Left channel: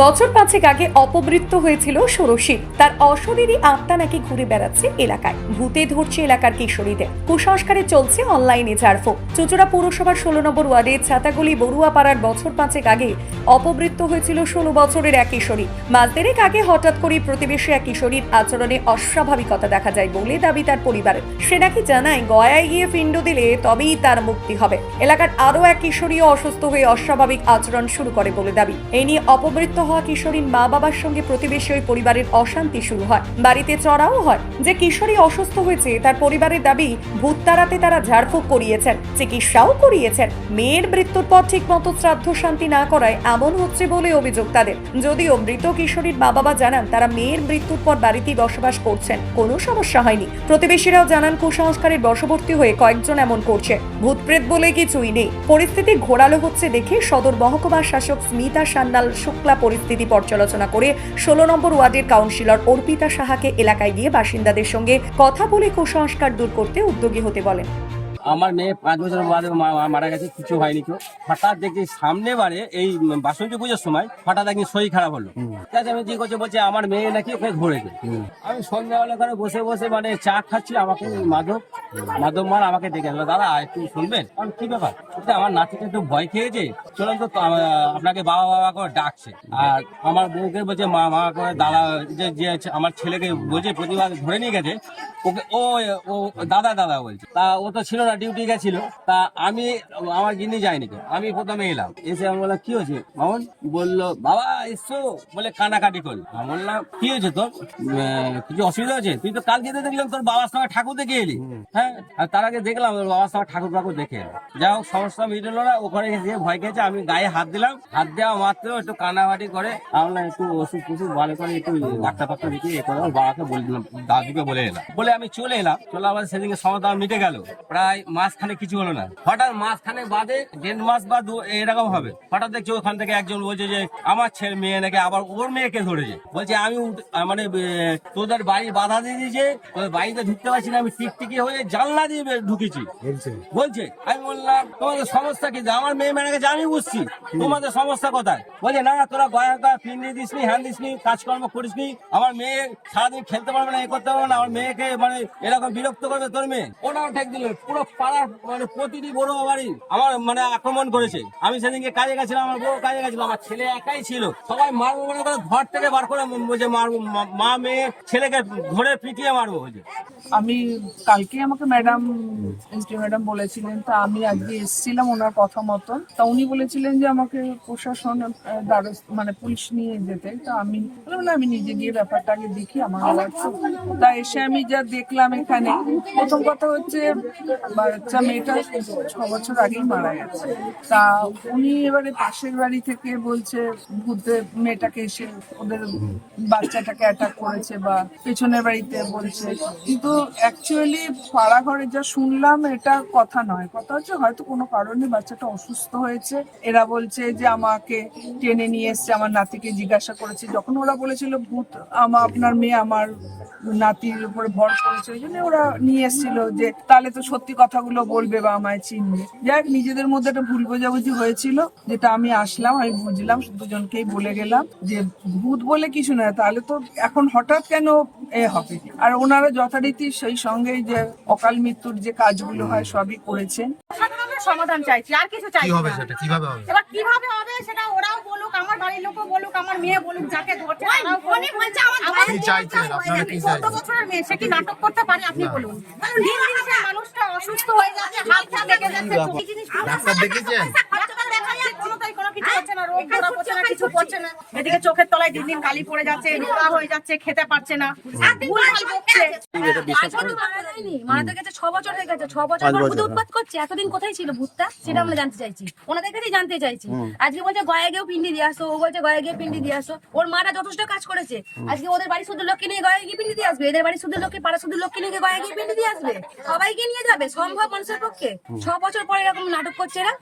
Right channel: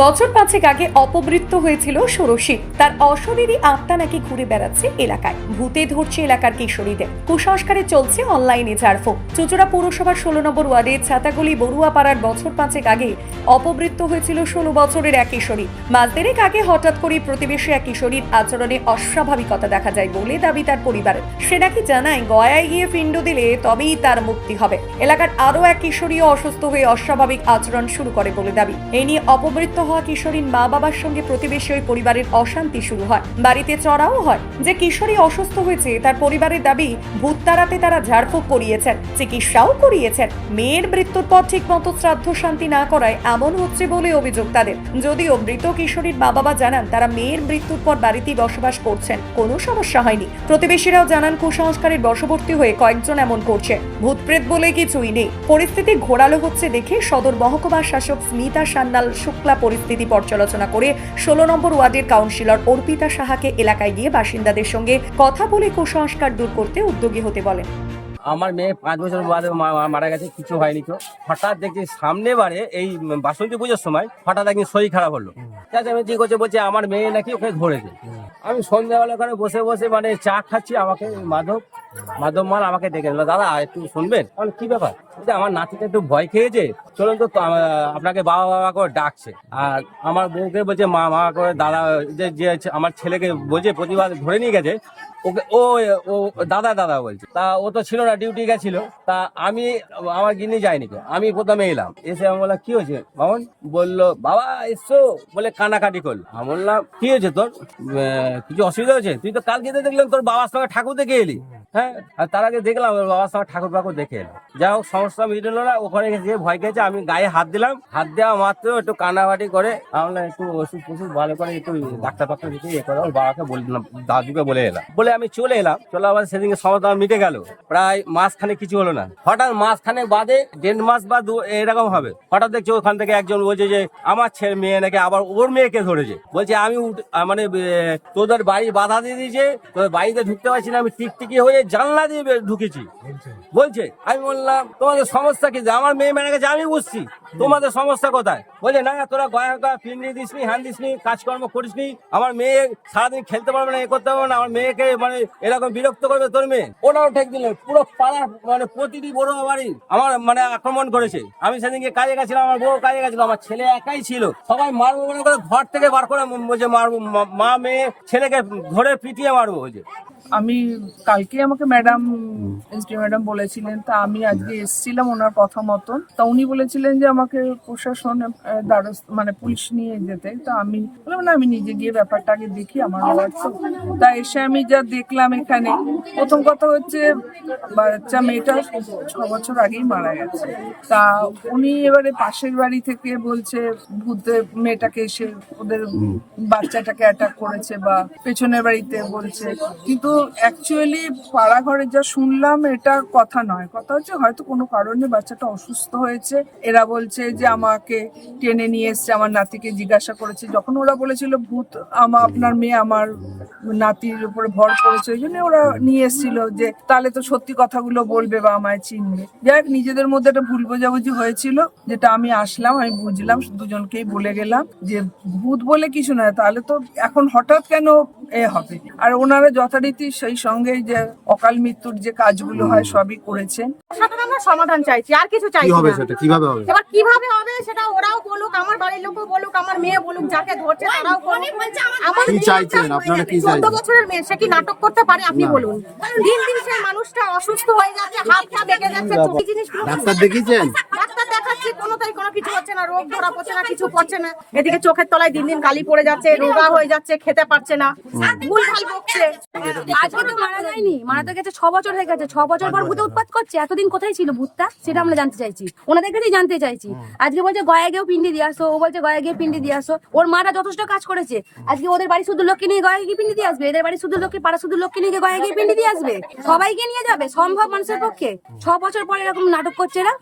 বছর পাঁচেক আগে অপমৃত্যু হয়েছিল ষোড়শী। তার অশরীরী আত্মা নাকি ঘুরে বেড়াচ্ছে এলাকায়। ভূতে ধরছে এলাকার কিশোরীদের। কুসংস্কারে চলছে অনলাইনে ঝাড়ফুঁক চুচুড়া পৌরসভার ষোলো নম্বর ওয়ার্ডে ছাতাগুলি বড়ুয়া পাড়ার বছর পাঁচেক আগে অপমৃত্যু হয়েছিল ষোলো বছরের এক কিশোরী। দেড়েক আগে হঠাৎ করে প্রতিবেশী এক কিশোরীর আচরণে অস্বাভাবিকতা দেখা যায় বলে দাবি তার পরিবারের সে নাকি জানায়, গয়ায় গিয়ে পিণ্ড দিলে তবেই তার মুক্তি হবে। এলাকার আরও এক কিশোরীও অসুস্থ হয়ে অস্বাভাবিক আচরণ শুরু করে বলে দাবি। এই নিয়ে অপমৃত্যু হওয়া কিশোরীর মা বাবার সঙ্গে প্রতিবেশী ওই পরিবারের অশান্তি শুরু হয়। বাড়িতে চড়াও হয়। যে কিশোরী অসুস্থ হয়েছে, তার পরিবারের দাবি, ভূত তাড়াতে তারা ঝাড়ফুঁক করিয়েছেন, চিকিৎসাও করিয়েছেন। মেয়ের মৃত্যুর পর ঠিক মতো শ্রাদ্ধ শান্তি না করায় এমন হচ্ছে বলে অভিযোগ তাদের। যদিও মৃত কিশোরীর মা বাবা জানান, তারা মেয়ের মৃত্যুর পর বাড়িতেই বসবাস করছেন। কোনো সমস্যা হয়নি। প্রতিবেশীরাও জানান, কুসংস্কারের বশবর্তী হয়ে কয়েকজন এমন করছে। ভূতপ্রেত বলে কিছুই নেই। পরিস্থিতি ঘোরালো হচ্ছে দেখে সদর মহকুমা শাসক স্মিতা সান্যাল শুক্লা পরিস্থিতি পর্যালোচনা করে ষোলো নম্বর ওয়ার্ডের কাউন্সিলর অর্পিতা সাহাকে এলাকায় গিয়ে বাসিন্দাদের সঙ্গে কথা বলে কুসংস্কার দূর করতে উদ্যোগী হতে বলেন। আমার মেয়ে পাঁচ বছর বাদে মারা গেছে কিছু হয়নি তো। হঠাৎ দেখি সামনে বারে এই বাসন্তী পুজোর সময় হঠাৎ একদিন শরীর খারাপ হলো। আমি কি করছে বলছে আমার মেয়ে নাকি ওকে ধরেছে আমি সন্ধ্যাবেলা ওখানে বসে বসে মানে চা খাচ্ছি আমাকে মাধব মাধব মাল আমাকে ডেকে নিল দাদা একটু শুনবেন? আমি কি ব্যাপার? আমার নাতিটা একটু ভয় খেয়েছে চলুন তো আপনাকে বাবা বাবা করে ডাকছে। আর আমার বউকে বলছে মা মা করে দাদা যে যে আমার ছেলেকে বলছে প্রতিবার ধরে নিয়ে গেছে। ওকে ও ও দাদা দাদা বলছে। তা ও তো ছিল না ডিউটি গেছিল তা আমি আমার গিনি যাইনি তো আমি প্রথমে এলাম। এসে আমি বললাম কি হয়েছে মামন? বলল বাবা এসছো? বলে কানাকাটি করল। আমি বললাম কি হয়েছে তোর? কিছু অসুবিধা হয়েছে? তুই তো কালকে তো দেখলাম তোর বাবার সঙ্গে ঠাকুর দেখে এলি। হ্যাঁ? আর তার আগে দেখলাম ওর বাবার সঙ্গে ঠাকুর ফাকুর দেখে এলো। যা হোক সমস্যা মিটলো না ওখানে গেছে ভয় খেয়েছে আমি গায়ে হাত দিলাম। হাত দেওয়া মাত্র একটু কানাকাটি করে আমি বললাম, একটু ওষুধ ফষুধ ভালো করে একটু ডাক্তার ফাক্তার দিকে এ করে ওর বাবাকে বলে দিলাম দাদুকে বলে এলাম। বলে আমি চলে এলাম। চলে আবার সেদিনকে সমস্যা মিটে গেল। প্রায় মাসখানে কিছু হলো না। হঠাৎ মাসখানে বাদে দেড় মাস বা এরকম হবে। হঠাৎ দেখছি ওখান থেকে একজন বলছে যে আমার ছেলে মেয়ে নাকি আবার ওর মেয়েকে ধরেছে। বলছে আমি মানে তোদের বাড়ি বাধা দিয়ে দিয়েছে তোদের বাড়িতে ঢুকতে পারছি না আমি টিকটিকি হয়ে জানলা দিয়ে ঢুকেছি। বলছে। আমি বললাম তোমাদের সমস্যা কি? আমার মেয়ে মেয়ে গেছে আমি বুঝছি। তোমাদের সমস্যা কোথায়? বলছে না তোরা গয়া গয়া পিন্ডি দিসনি হ্যান দিসনি কাজকর্ম করিসনি আমার মেয়ে সারাদিন খেলতে পারবে না এ করতে পারবে না আমার মেয়েকে মানে এরকম বিরক্ত করবে তোর মেয়ে। ওনাও ঠেক দিল পুরো পাড়া মানে প্রতিটি বড় বাড়ি আমার মানে আক্রমণ করেছে। আমি সেদিনকে কাজে গেছিলাম, আমার বউ কাজে গেছিল, আমার ছেলে একাই ছিল। সবাই মারবো মনে করে ঘর থেকে বার করে বলছে, মারবো, মা- মেয়ে ছেলেকে ধরে পিটিয়ে মারবো হয়েছে আমি কালকে আমাকে ম্যাডাম, এসডি ম্যাডাম বলেছিলেন, তা আমি আজকে এসেছিলাম ওনার কথা মতন। তা উনি বলেছিলেন যে, আমাকে প্রশাসন মানে পুলিশ নিয়ে যেতে। তা আমি বললাম, না, আমি নিজে গিয়ে ব্যাপারটা আগে দেখি, আমার তা এসে আমি যা দেখলাম এখানে, প্রথম কথা হচ্ছে বাচ্চা মেয়েটা ছ বছর আগেই মারা গেছে। তা উনি এবারে পাশের বাড়ি থেকে বলছে ভূতে মেয়েটাকে এসে ওদের বাচ্চাটাকে অ্যাটাক করেছে বা পেছনের বাড়িতে বলছে। কিন্তু অ্যাকচুয়ালি পাড়া ঘরে যা শুনলাম এটা কথা নয়। কথা হচ্ছে হয়তো কোনো কারণে বাচ্চাটা অসুস্থ হয়েছে। এরা বলছে যে আমাকে টেনে নিয়ে এসছে, আমার নাতিকে জিজ্ঞাসা করেছে। যখন ওরা বলেছিল, ভূত আমার আপনার মেয়ে আমার নাতির উপরে ভর করেছে। ওই জন্য ওরা নিয়ে এসেছিল যে, তাহলে তো সত্যি কথাগুলো বলবে বা আমায় চিনবে। যাই নিজেদের মধ্যে একটা ভুল বোঝাবুঝি হয়েছিল যেটা আমি আসলাম আমি বুঝলাম দুজনকেই বলে গেলাম যে ভূত বলে কিছু নয় তাহলে তো এখন হঠাৎ কেন এ হবে? আর ওনারা যথারীতি সেই সঙ্গে যে অকাল মৃত্যুর যে কাজগুলো হয় সবই করেছেন। সমাধান চাইছি আর কিছু কি চাইছি হবে না। সেটা? কীভাবে হবে? এবার কীভাবে হবে আমার বাড়ির লোকও বলুক আমার মেয়ে বলুক যাকে ধরছে তারাও বলুক। আমার কি চাইছেন? আপনারা কি? বছরের মেয়ে সে কি নাটক করতে পারে? আপনি বলুন। দিন দিন সে মানুষটা অসুস্থ হয়ে যাচ্ছে হাত পা বেঁকে যাচ্ছে। জিনিস ডাক্তার দেখিয়েছেন কিছু হচ্ছে না রোগ ধরা পড়ছে না কিছু পড়ছে না। এদিকে চোখের তলায় দিন দিন কালি পড়ে যাচ্ছে রোগা হয়ে যাচ্ছে খেতে পারছে না। আজকে তো মারা যায়নি। মারা তো গেছে ছ বছর হয়ে গেছে। ছ বছর পর ভূতে উৎপাত করছে। এতদিন কোথায় ছিল ভূতটা? সেটা আমরা জানতে চাইছি। ওনাদের কাছেই জানতে চাইছি। আজকে বলছে গয়া গিয়েও পিন্ডি দিয়ে আসো। ও বলছে গয়া গিয়ে পিন্ডি দিয়ে আসো। ওর মারা যথেষ্ট কাজ করেছে। আজকে ওদের বাড়ি শুধু লোককে নিয়ে গয়া গিয়ে পিন্ডি দিয়ে আসবে? এদের বাড়ি শুধু লোককে পাড়া শুধু লোককে নিয়ে গয়া গিয়ে পিন্ডি দিয়ে আসবে? সবাইকে নিয়ে যাবে? সম্ভব মানুষের পক্ষে? ছ বছর পরে এরকম নাটক করছে না